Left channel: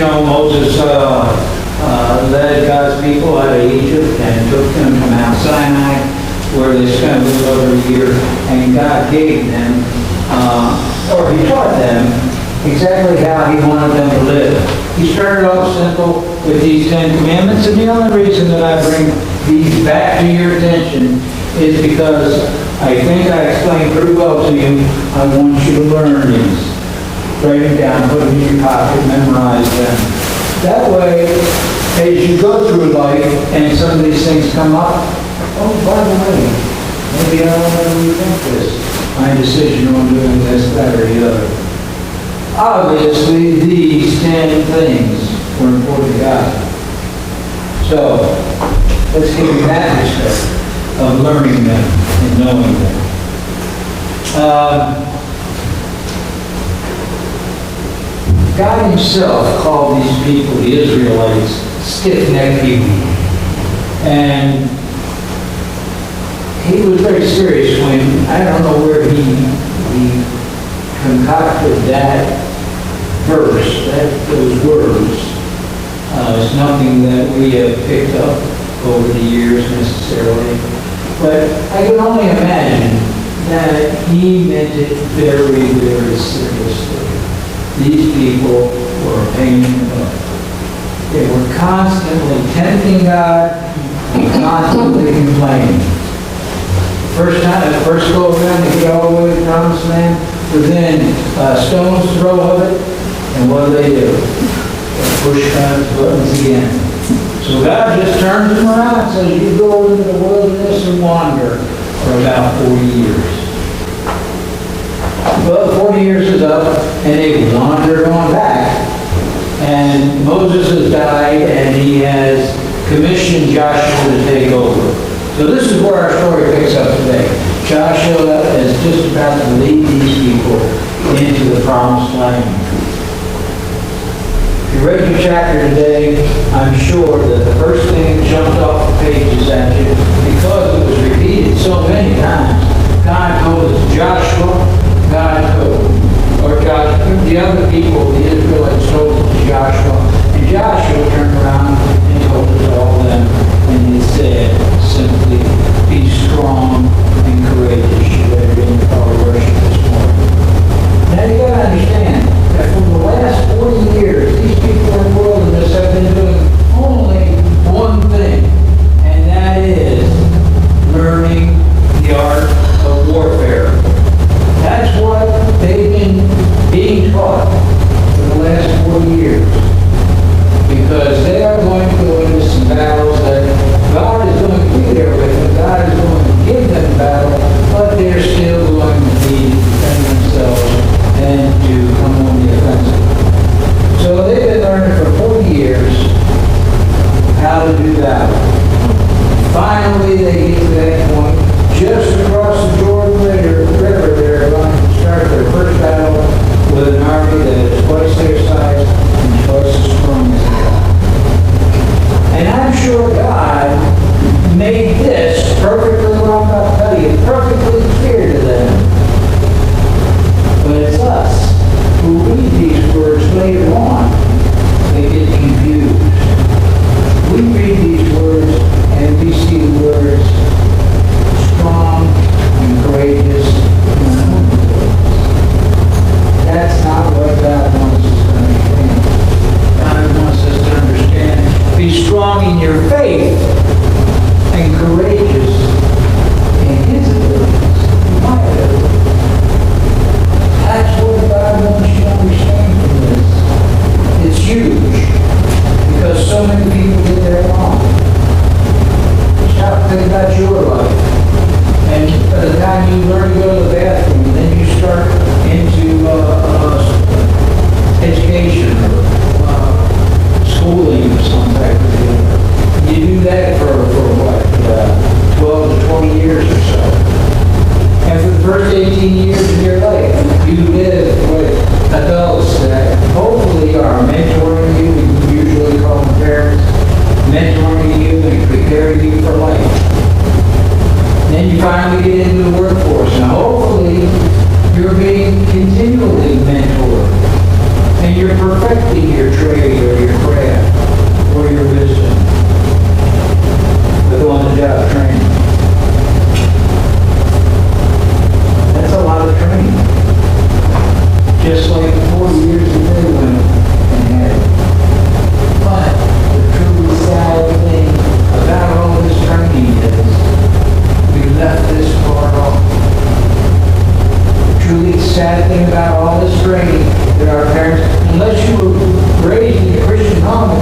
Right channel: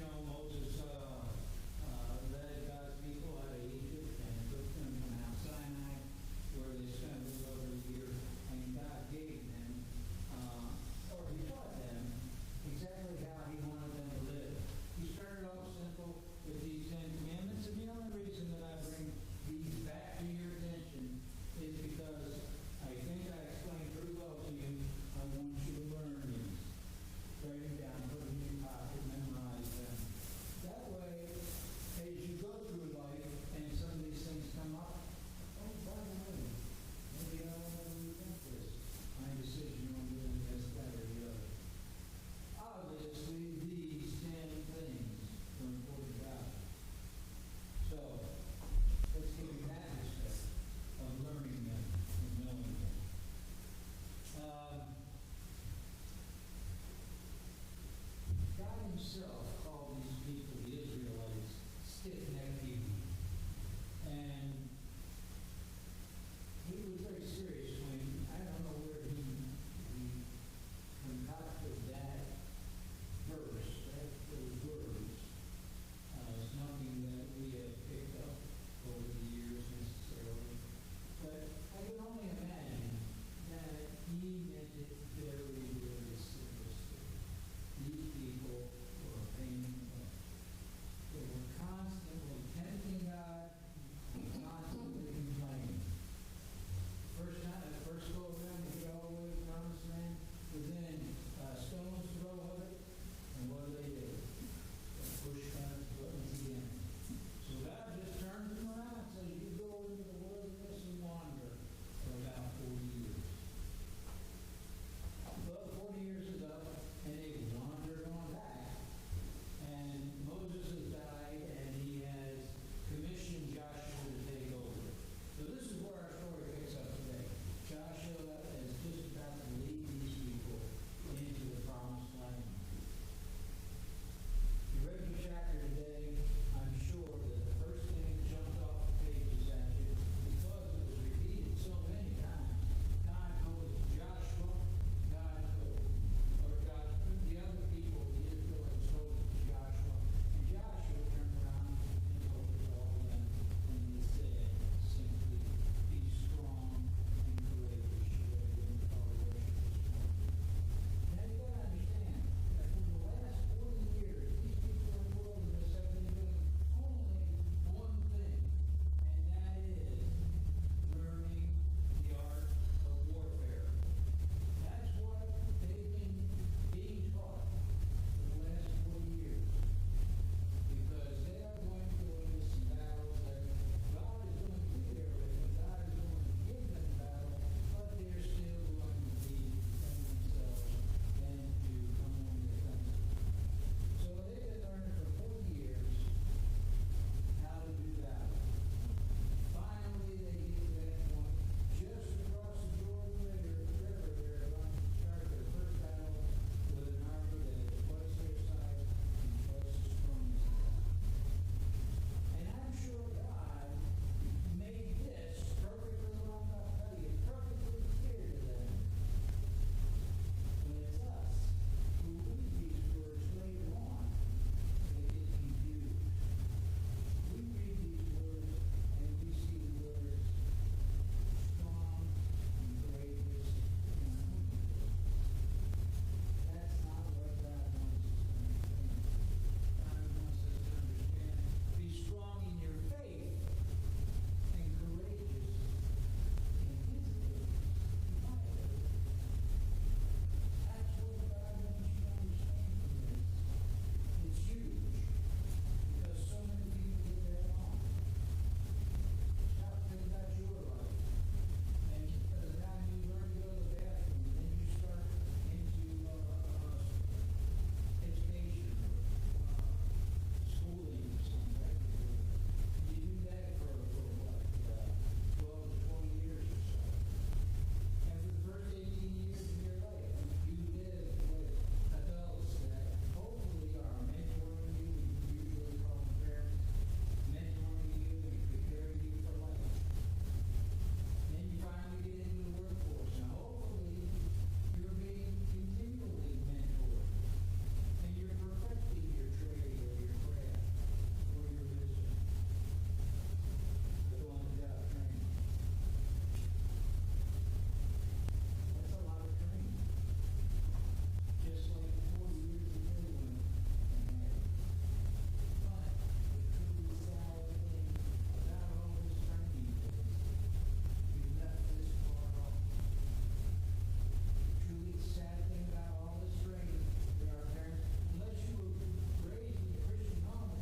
Moses led God's people out of Egypt and took them to Mount Sinai, where they spent a little over a year, and God gave them, or He taught them exactly how He wanted them to live. He started off simple with these 10 commandments, and the only reason that I bring these back to your attention is because I think I explained pretty well to you. I want you to learn these. Write them down, put them in your pocket, memorize them. That way, as you go through life and some of these things come up, oh, by the way, maybe I don't want to rethink this. My decision on doing this, that, or the other. Obviously, these 10 things were important to God. So, let's give Him that respect of learning them and knowing them. God Himself called these people, the Israelites, stiff-necked people. And He was very serious when, I don't know where he concocted that verse, those words. It's nothing that we have picked up over the years necessarily. But I can only imagine that He meant it very, very seriously. These people were a pain in the butt. They were constantly tempting God and constantly complaining. First go around to get all the way to the promised land, within a stone's throw of it, and what do? They push God's buttons again. So God just turns them around and says, you go into the wilderness and wander for about 40 years. Well, 40 years is up, and they wandered on back. And Moses has died, and he has commissioned Joshua to take over. So this is where our story picks up today. Joshua is just about to lead these people into the promised land. If you read your chapter today, I'm sure that the first thing that jumped off the pages at you, because it was repeated so many times, God told us Joshua, the other people, the Israelites, told it to Joshua, and Joshua turned around and told it to all of them, and he said simply, be strong and courageous. You read in the power worship this morning. Now you got to understand that for the last 40 years, these people in the wilderness have been doing only one thing, and that is learning the art of warfare. That's what they've been being taught for the last 40 years.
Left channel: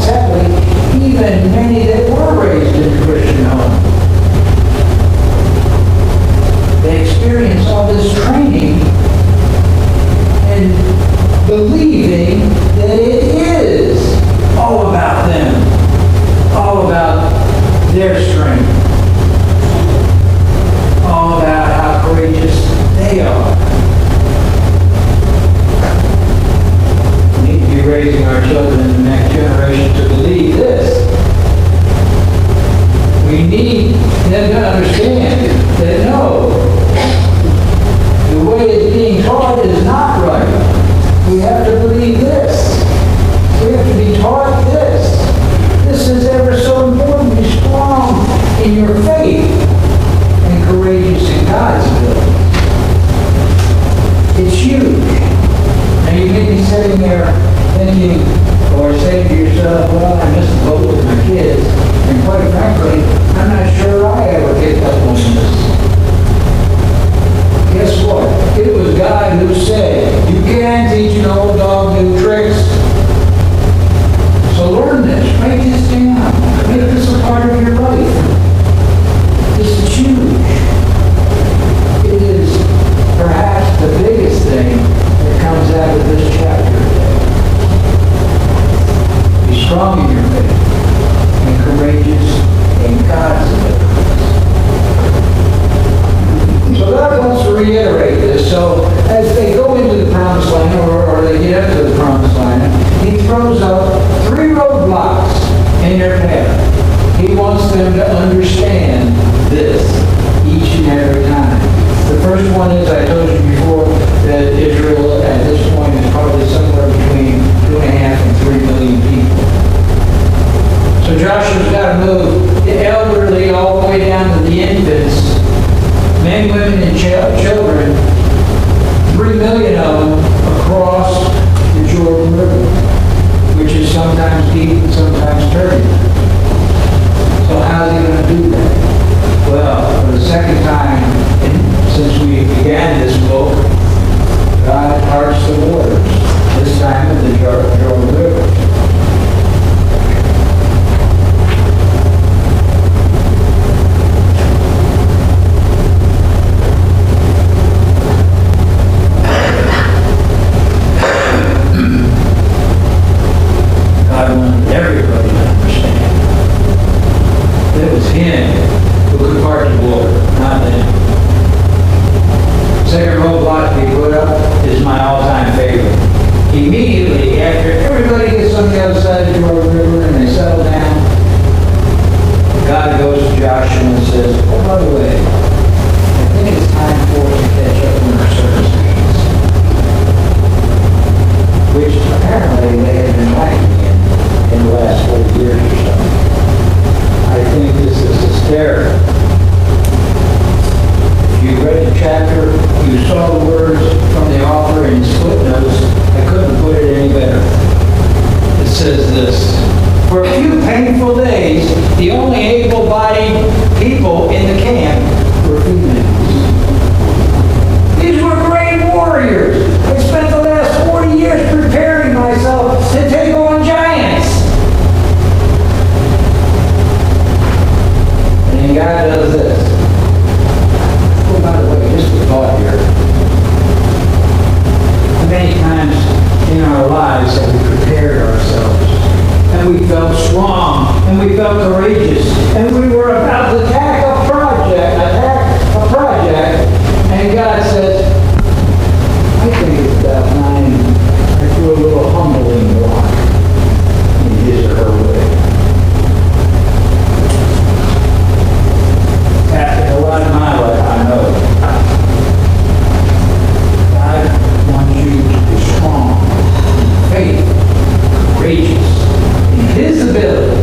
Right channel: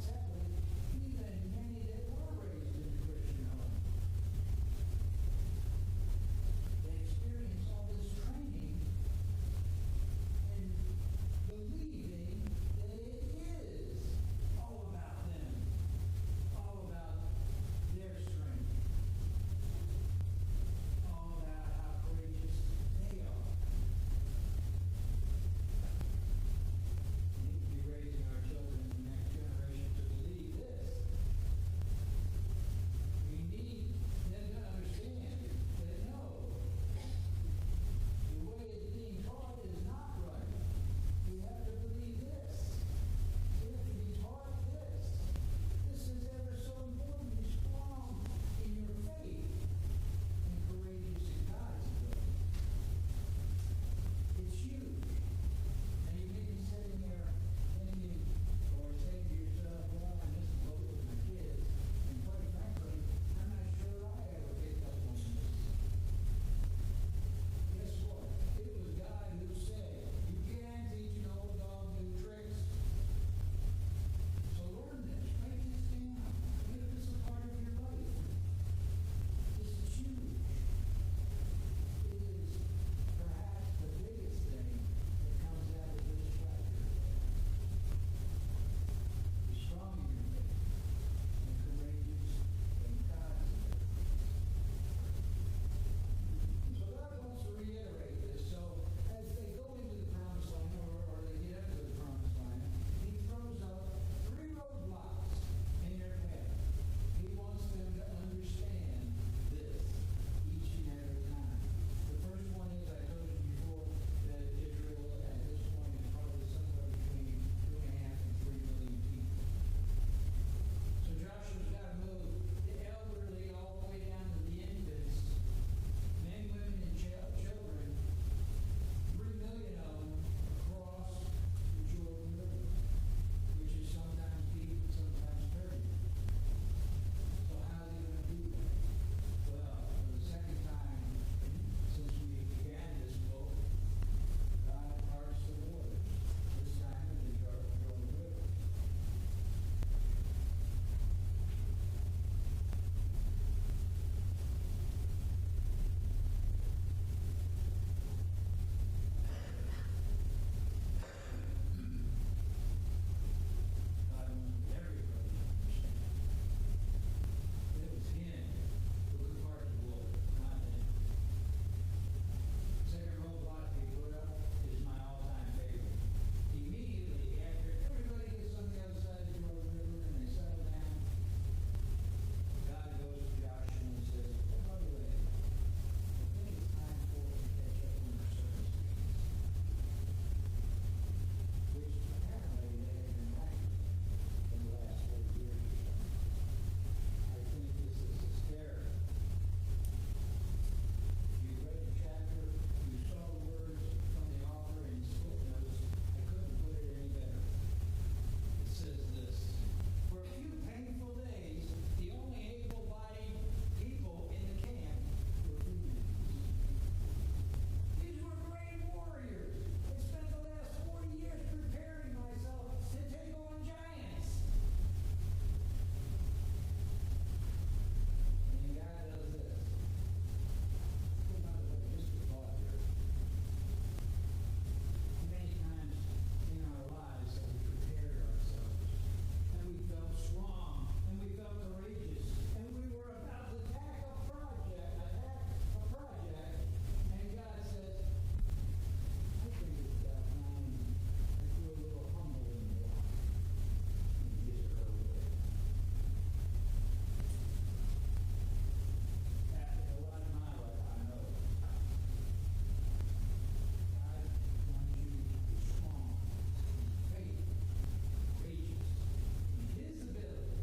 and sadly, even many that were raised in Christian homes. They experience all this training and believing that it is all about them, all about their strength, all about how courageous they are. We need to be raising our children in the next generation to believe this. We need them to understand that no, the way it's being taught is not right. We have to believe this. We have to be taught this. This is ever so important. Be strong in your faith and courageous in God's will. It's huge. Now you may be sitting there thinking or saying to yourself, well, I missed the boat with my kids. And quite frankly, I'm not sure I ever picked up on this. Guess what? It was God who said, you can't teach an old dog new tricks. So learn this. Write this down. Make this a part of your life. This is huge. It is perhaps the biggest thing that comes out of this chapter today. Be strong in your faith and courageous in God's abilities. So God wants to reiterate this. So as they go into the promised land, or they get up to the promised land, he throws up 3 roadblocks in their path. He wants them to understand this each and every time. The first one is, I told you before, that Israel at this point is probably somewhere between 2.5 and 3 million people. So Joshua's got to move the elderly all the way down to the infants, men, women, and children, 3 million of them across the Jordan River, which is sometimes deep and sometimes turbulent. So how's he going to do that? Well, for the second time since we began this book, God parts the waters, this time in the Jordan River. God wanted everybody to understand that it was Him who could part the water, not them. Second roadblock they put up is my all-time favorite. Immediately after everybody gets on the other side of the Jordan River and they settle down, God goes to Joshua and says, oh, by the way, I think it's time for us to catch up on our circumstances, which apparently they had been lacking in the last 40 years or so. I think this is hysterical. If you read the chapter, you saw the words from the author in his footnotes. I couldn't put it any better. It says this: for a few painful days, the only able-bodied people in the camp were females. These were great warriors. I spent the last 40 years preparing myself to take on giants. And then God does this. Oh, by the way, just a thought here. Many times in our lives have we prepared ourselves, and we felt strong, and we felt courageous, and we were about to attack a project, and God says, I think it's about time I do a little humbling walk in His or her way. After a lot of my life, I know God wants you to be strong, in faith, courageous, in His ability.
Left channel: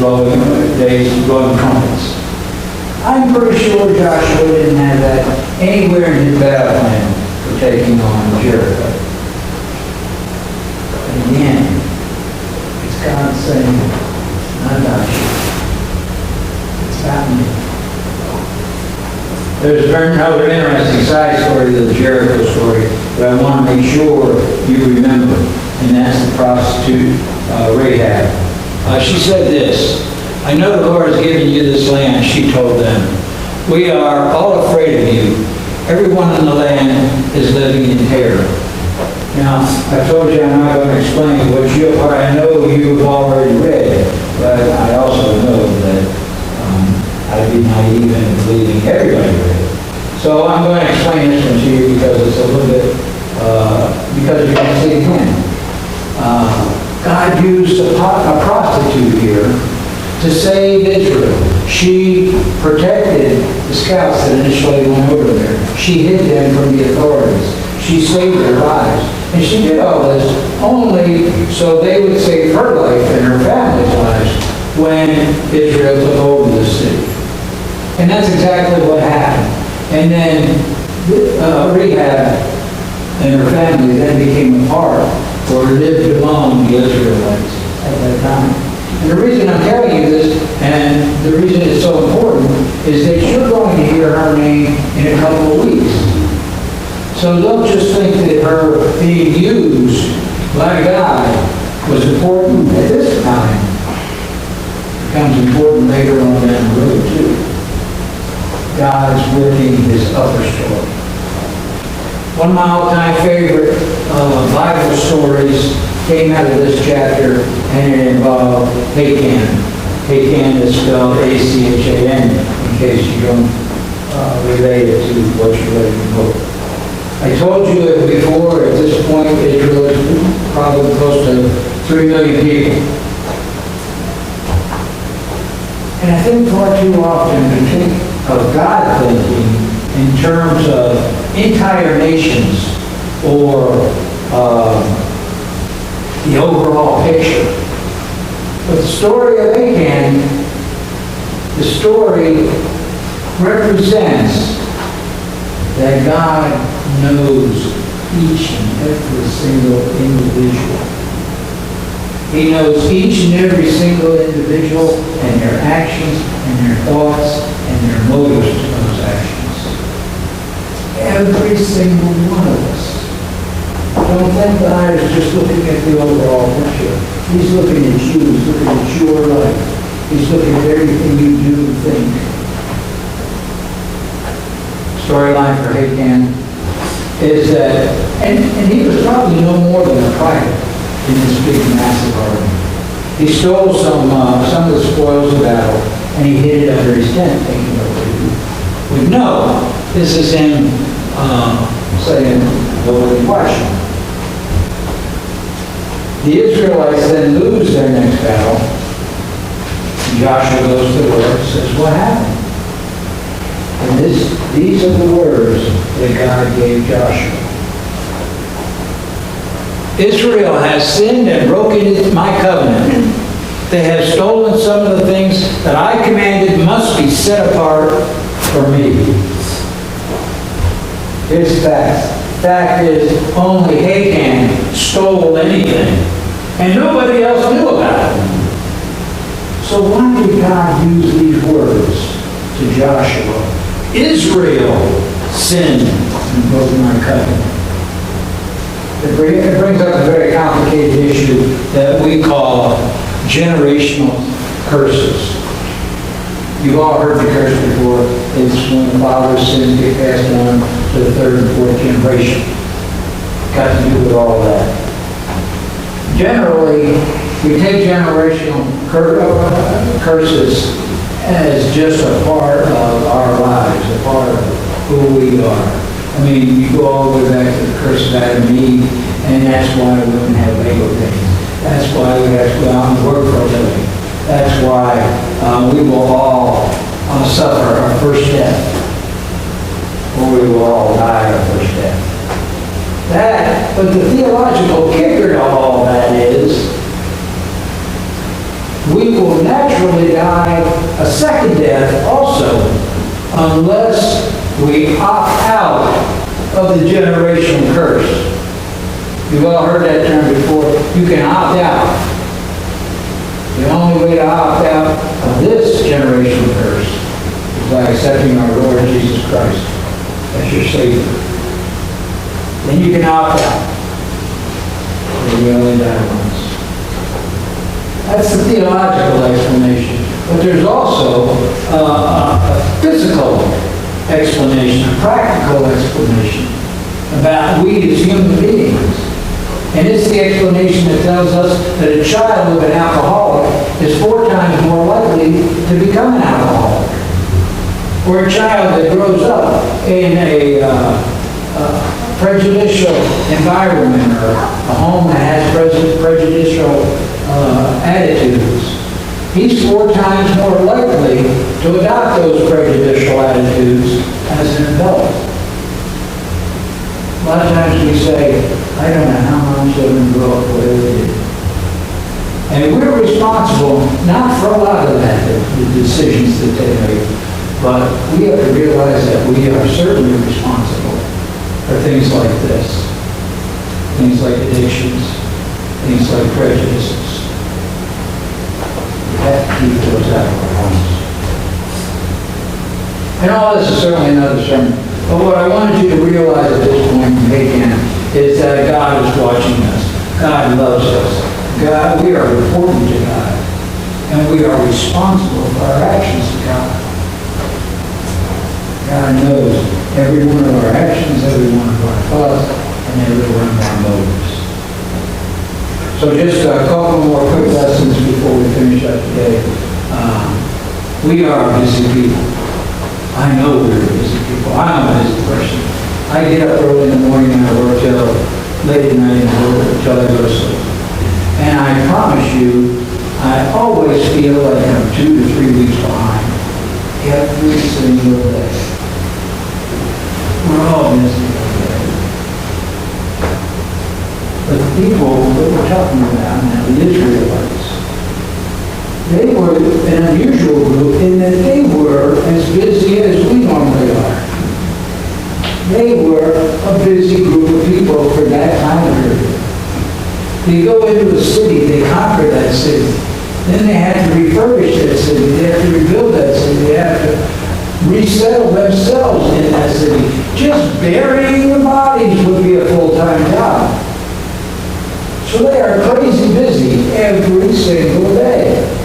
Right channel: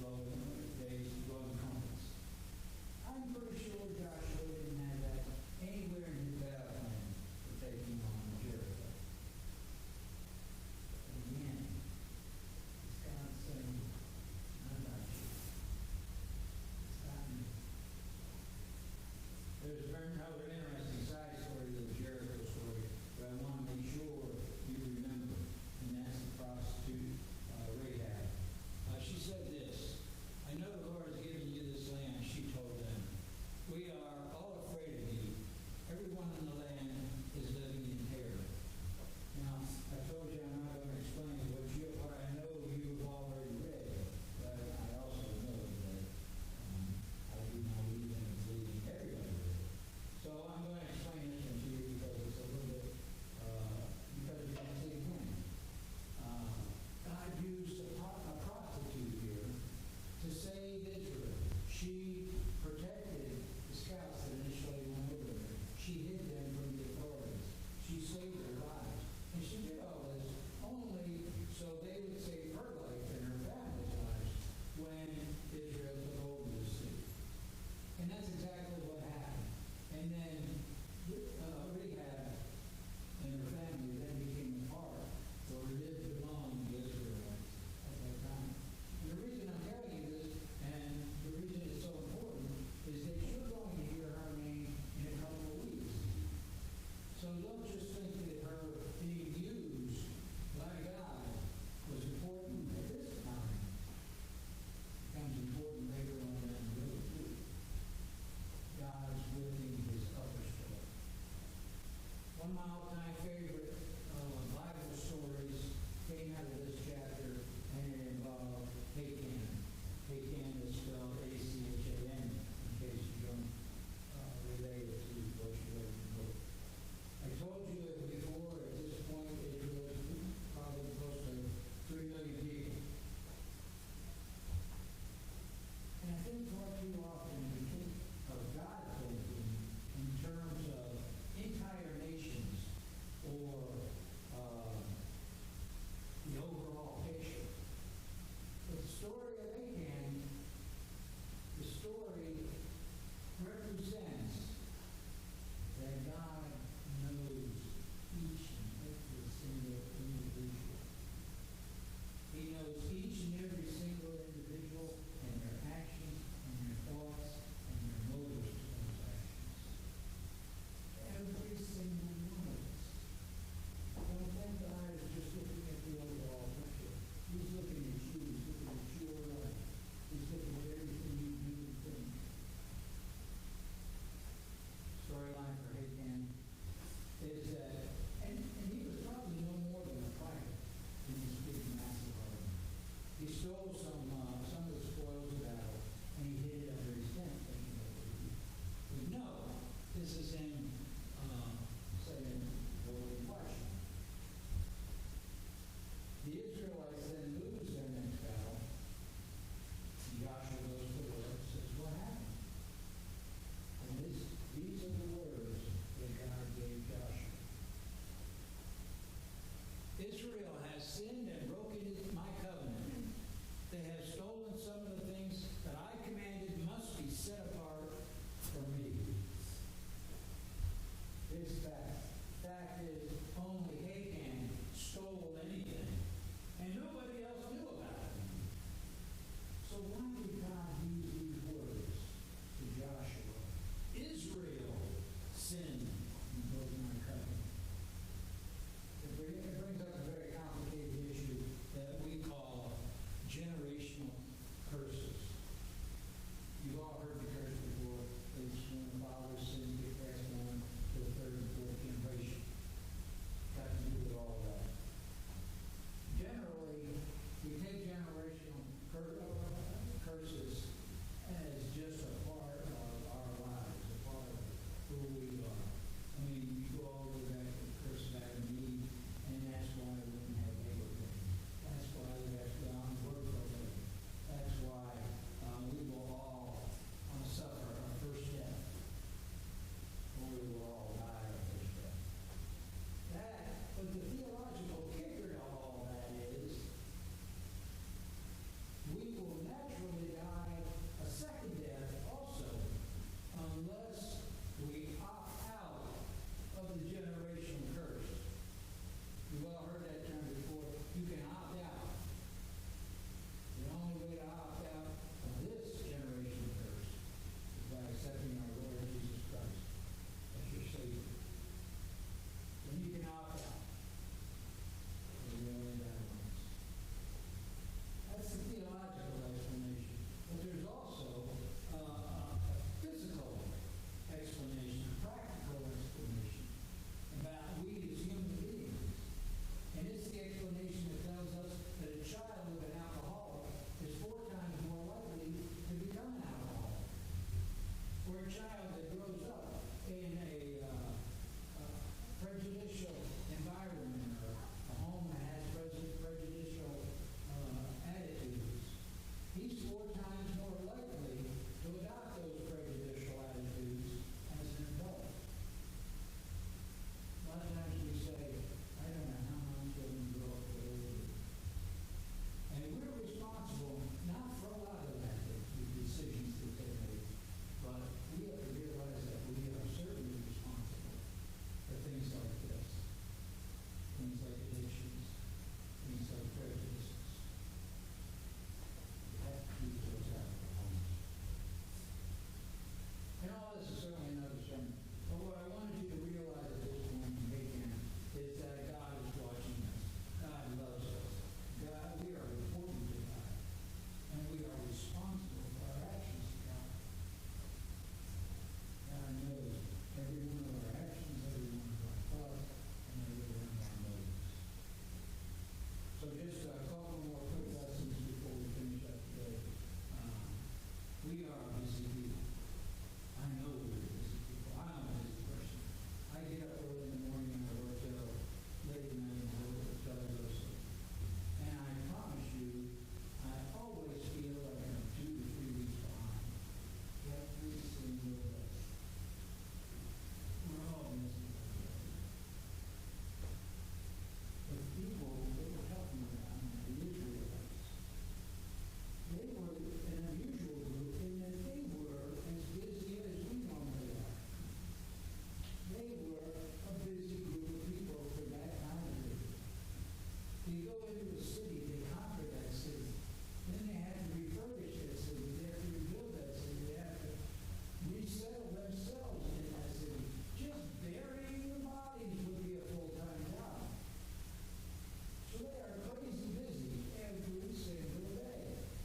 blowing trumpets. I'm pretty sure Joshua didn't have that anywhere in his battle plan for taking on Jericho. But again, it's God saying, not Joshua. It's about me. There's another interesting side story to the Jericho story that I want to make sure you remember, and that's the prostitute Rahab. She said this, "I know the Lord has given you this land," she told them. "We are all afraid of you. Everyone in the land is living in terror." Now, I told you I'm not going to explain what I know you've already read, but I also know that I'd be naive in believing everybody read it. So I'm going to explain this one to you because it's a little bit, because you're going to see it again. God used a prostitute here to save Israel. She protected the scouts that initially went over there. She hid them from the authorities. She saved their lives. And she did all this only so they would save her life and her family's lives when Israel took over the city. And that's exactly what happened. And then Rahab and her family then became a part or lived among the Israelites at that time. And the reason I'm telling you this, and the reason it's so important, is that you're going to hear her name in a couple of weeks. So don't just think that her being used by God was important at this time. It becomes important later on down the road too. God's working his other story. One of my all-time favorite Bible stories came out of this chapter, and it involved Achan. Achan is spelled A-C-H-A-N, in case you don't relate it to what you read in the book. I told you it before, at this point, Israel is probably close to 3 million people. And I think far too often we think of God thinking in terms of entire nations or the overall picture. But the story of Achan, the story represents that God knows each and every single individual. He knows each and every single individual and their actions and their thoughts and their motives to those actions. Every single one of us. Don't think God is just looking at the overall picture. He's looking at you. He's looking at your life. He's looking at everything you do and think. Storyline for Achan is that, and he was probably no more than a private in this big, massive army. He stole some of the spoils of battle, and he hid it under his tent, thinking nobody would know. This is him saying, nobody watching. The Israelites then lose their next battle. Joshua goes to the Lord and says, what happened? And these are the words that God gave Joshua. Israel has sinned and broken my covenant. They have stolen some of the things that I commanded must be set apart for me. Here's the fact. Fact is, only Achan stole anything, and nobody else knew about it. So why did God use these words to Joshua? Israel sinned and broke my covenant. It brings up a very complicated issue that we call generational curses. You've all heard the curse before. It's when the father's sins get passed on to the third and fourth generation. Got to do with all that. Generally, we take generational curses as just a part of our lives, a part of who we are. I mean, you go all the way back to the curse of Adam and Eve, and that's why women have labor pains. That's why we have to go out and work for a living. That's why we will all suffer our first death, or we will all die our first death. But the theological kicker to all that is we will naturally die a second death also, unless we opt out of the generational curse. You've all heard that term before. You can opt out. The only way to opt out of this generational curse is by accepting our Lord Jesus Christ as your Savior. Then you can opt out. We only die once. That's the theological explanation. But there's also a physical explanation, a practical explanation about we as human beings. And it's the explanation that tells us that a child of an alcoholic is 4 times more likely to become an alcoholic. Or a child that grows up in a prejudicial environment or a home that has prejudicial attitudes. He's 4 times more likely to adopt those prejudicial attitudes as an adult. A lot of times we say, I don't know how my children grow up, whatever they do. And we're responsible, not for a lot of that, the decisions that they make, but we have to realize that we are certainly responsible for things like this. Things like addictions, things like prejudices. We have to keep those out of our homes. And all this is certainly another sermon. But what I wanted you to realize at this point, again, is that God is watching us. God loves us. God, we are important to God. And we are responsible for our actions to God. God knows every one of our actions, every one of our thoughts, and every one of our motives. So just a couple more quick lessons before we finish up today. We are busy people. I know we're busy people. I'm a busy person. I get up early in the morning and I work till late at night until I go to sleep. And I promise you, I always feel like I'm 2 to 3 weeks behind every single day. We're all busy every day. But the people that we're talking about now, the Israelites, they were an unusual group in that they were as busy as we normally are. They were a busy group of people for that time period. They go into a city, they conquer that city. Then they had to refurbish that city. They have to rebuild that city. They have to resettle themselves in that city. Just burying the bodies would be a full-time job. So they are crazy busy every single day.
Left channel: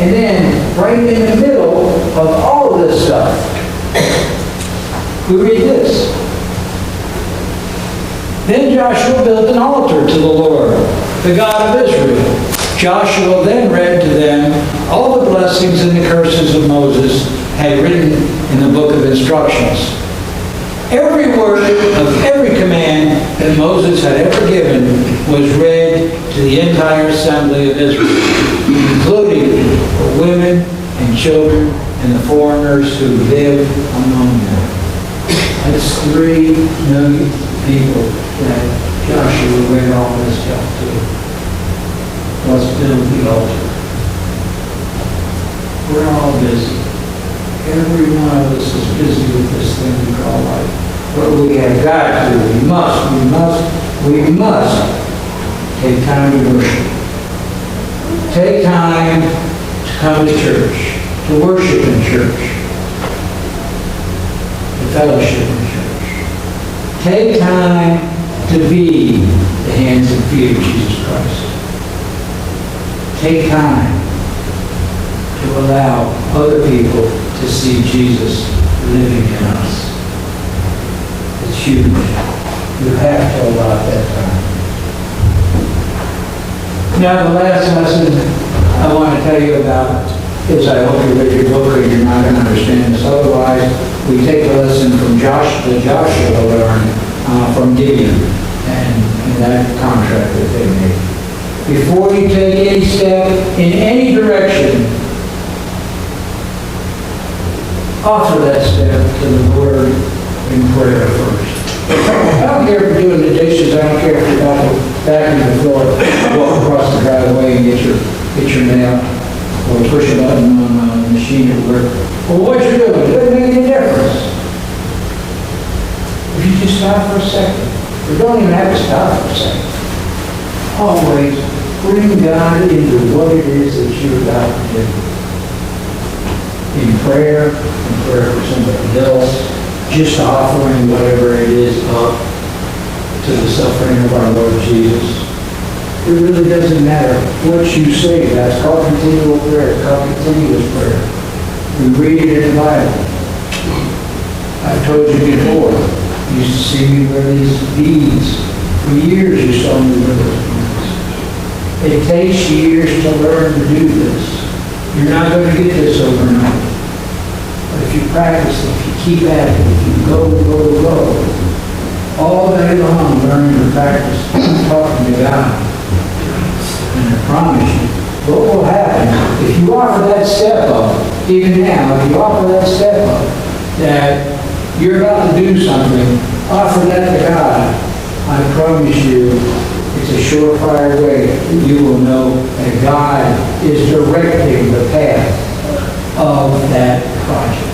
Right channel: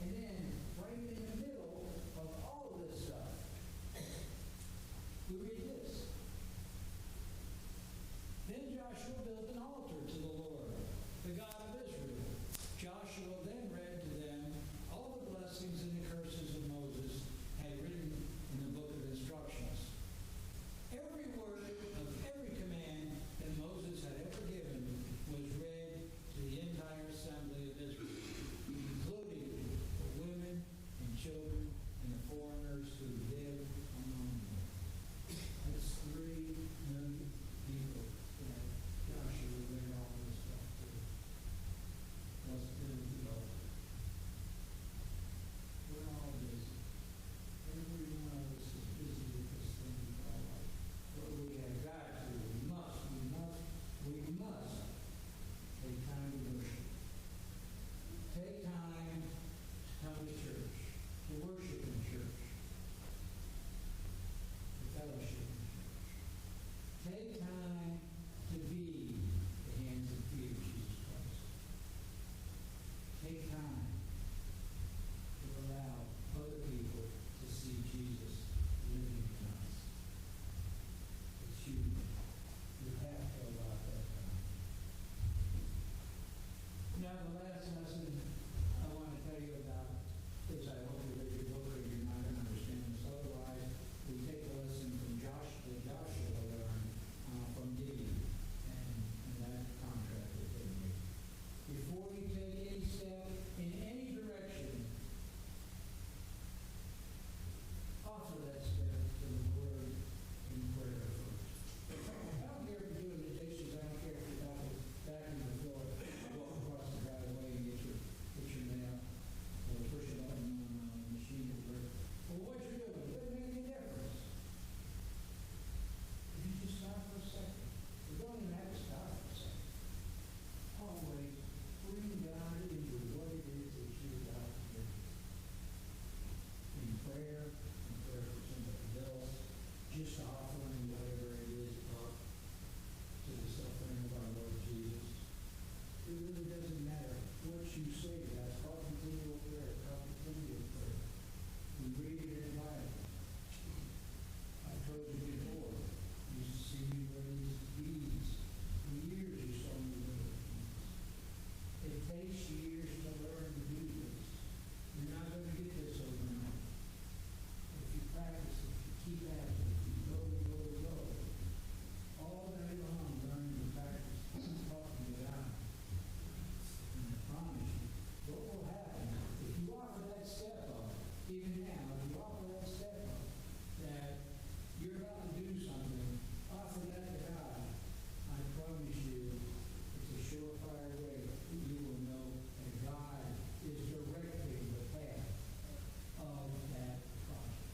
And then, right in the middle of all of this stuff, we read this. Then Joshua built an altar to the Lord, the God of Israel. Joshua then read to them all the blessings and the curses of Moses had written in the book of instructions. Every word of every command that Moses had ever given was read to the entire assembly of Israel, including the women and children and the foreigners who lived among them. That's 3 million people that Joshua read all this stuff to. Let's build the altar. We're all busy. Every one of us is busy with this thing we call life. But we have got to, we must take time to worship. Take time to come to church, to worship in church, to fellowship in church. Take time to be the hands and feet of Jesus Christ. Take time to allow other people to see Jesus living in us. It's huge. You have to allow that time. Now, the last lesson I want to tell you about is, I hope you read your book or you're not going to understand this. Otherwise, we take a lesson from Joshua learned from Gideon and that contract that they made. Before you take any step in any direction, offer that step to the Lord in prayer first. I don't care if you're doing the dishes. I don't care if you're vacuuming the floor, walk across the driveway and get your machine at work. Well, what you doing? It doesn't make any difference. If you just stop for a second, you don't even have to stop for a second. Always bring God into what it is that you're about to do. In prayer for somebody else, just offering whatever it is up to the suffering of our Lord Jesus. It really doesn't matter what you say. That's called continual prayer. It's called continuous prayer. We read it in the Bible. I've told you before. You used to see me wear these beads. For years you saw me wear those beads. It takes years to learn to do this. You're not going to get this overnight. But if you practice it, if you keep at it, if you go, all day long learning to practice talking to God. And I promise you, what will happen if you offer that step up, even now, if you offer that step up, that you're about to do something, offer that to God. I promise you, it's a surefire way that you will know that God is directing the path of that project.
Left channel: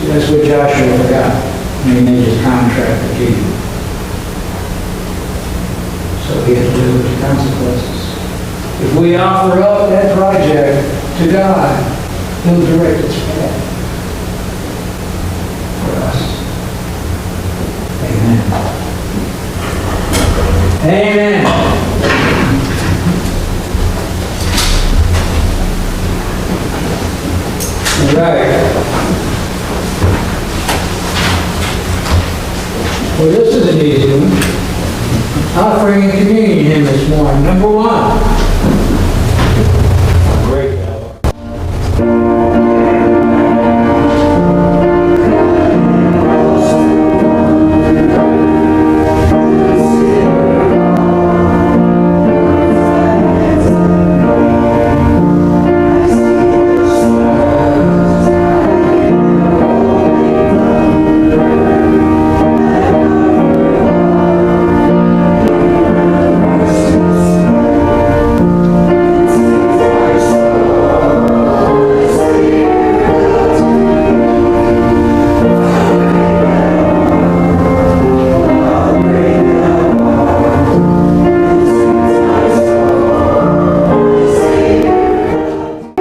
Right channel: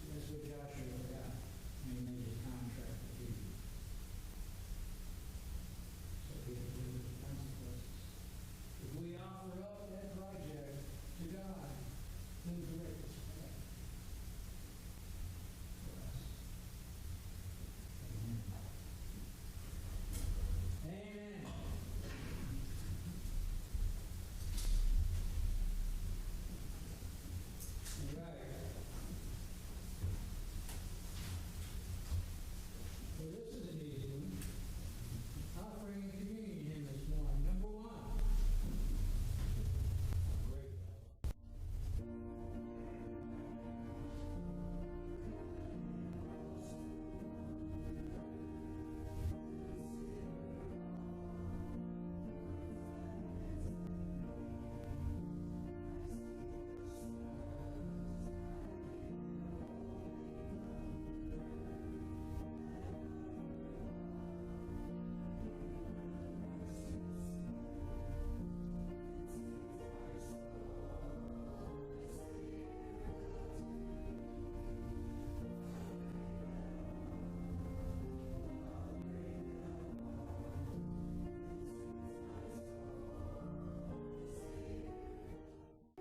See, that's what Joshua forgot when he made his contract with you. So he had to live with the consequences. If we offer up that project to God, He'll direct its path for us. Amen. Amen. All right. Well, this is an easy one. Offering a communion hymn this morning. Number 1.